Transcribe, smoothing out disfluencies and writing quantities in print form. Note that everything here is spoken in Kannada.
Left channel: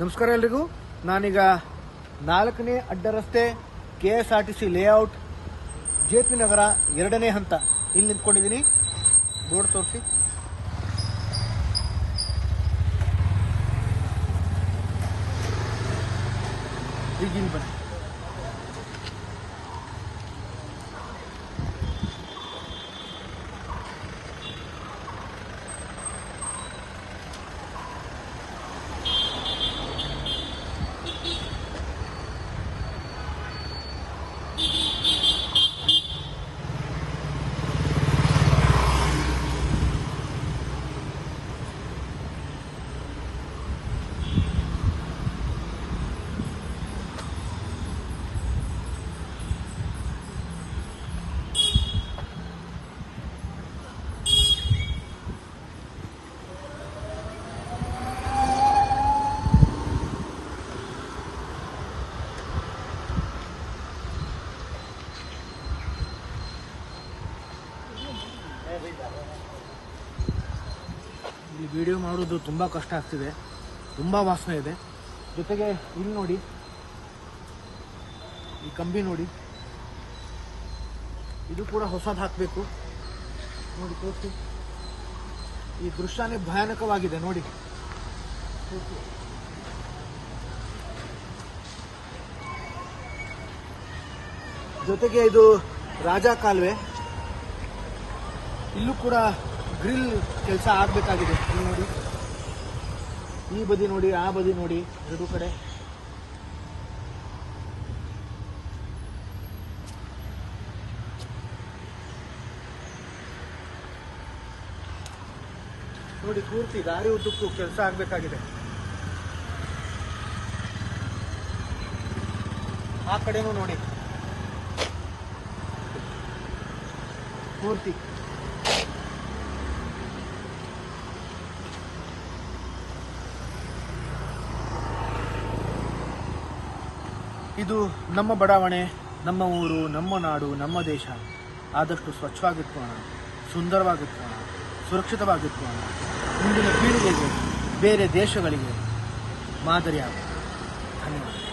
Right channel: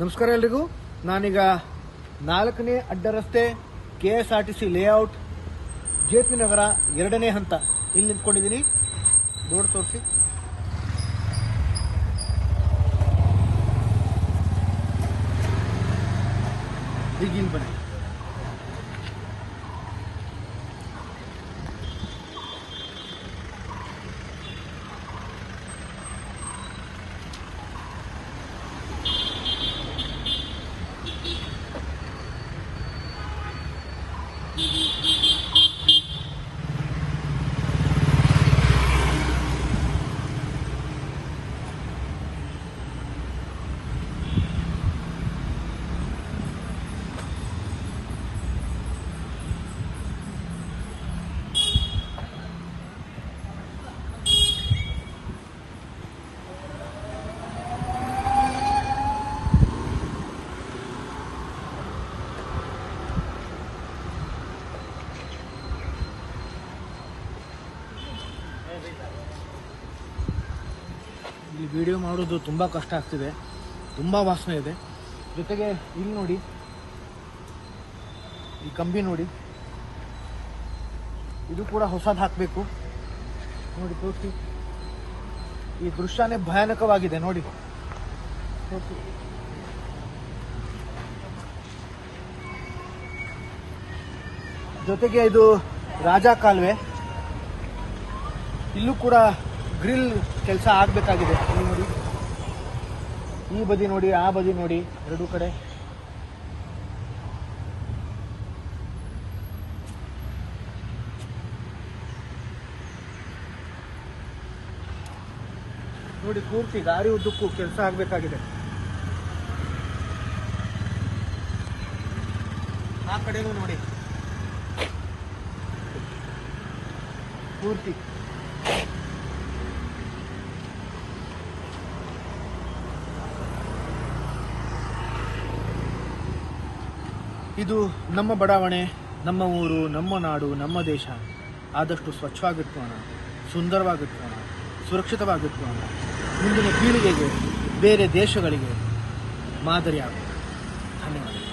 ನಮಸ್ಕಾರ ಎಲ್ರಿಗೂ. ನಾನೀಗ 4ನೇ ಅಡ್ಡ ರಸ್ತೆ KSRTC ಲೇಔಟ್ JP ನಗರ 2ನೇ ಹಂತ ಇಲ್ಲಿ ನಿಂತ್ಕೊಂಡಿದ್ದೀನಿ. ಬೋರ್ಡ್ ತೋರಿಸಿ. ಈಗ ಇಲ್ಲಿ ಬನ್ನಿ. ಇಲ್ಲಿ ವಿಡಿಯೋ ಮಾಡೋದು ತುಂಬಾ ಕಷ್ಟ ಆಗ್ತಿದೆ, ತುಂಬಾ ವಾಸನೆ ಇದೆ. ಜೊತೆಗೆ ಇಲ್ಲಿ ನೋಡಿ, ಈ ಕಂಬಿ ನೋಡಿ, ಇದು ಕೂಡ ಹೊಸದು ಹಾಕಬೇಕು. ನೋಡಿ ತೋರಿಸಿ, ಈ ದೃಶ್ಯನೇ ಭಯಾನಕವಾಗಿದೆ ನೋಡಿ. ತೋರಿಸಿ. ಜೊತೆಗೆ ಇದು ರಾಜ ಕಾಲುವೆ, ಇಲ್ಲೂ ಕೂಡ ಗ್ರಿಲ್ ಕೆಲಸ ಆಗಬೇಕಾಗಿದೆ. ಇಲ್ಲಿ ನೋಡಿ, ಈ ಬದಿ ನೋಡಿ, ಆ ಬದಿ ನೋಡಿ, ಎರಡೂ ಕಡೆ. ನೋಡಿ, ಪೂರ್ತಿ ದಾರಿ ಉದ್ದಕ್ಕೂ ಕೆಲಸ ಆಗಬೇಕಾಗಿದೆ. ಆ ಕಡೆನೂ ನೋಡಿ, ಪೂರ್ತಿ. ಇದು ನಮ್ಮ ಬಡಾವಣೆ, ನಮ್ಮ ಊರು, ನಮ್ಮ ನಾಡು, ನಮ್ಮ ದೇಶ. ಆದಷ್ಟು ಸ್ವಚ್ಛವಾಗಿಟ್ಕೋಣ, ಸುಂದರವಾಗಿಟ್ಕೋಣ, ಸುರಕ್ಷಿತವಾಗಿಟ್ಕೋಣ. ಮುಂದಿನ ಪೀಳಿಗೆಗೆ, ಬೇರೆ ದೇಶಗಳಿಗೆ ಮಾದರಿಯಾಗೋಣ. ಧನ್ಯವಾದ.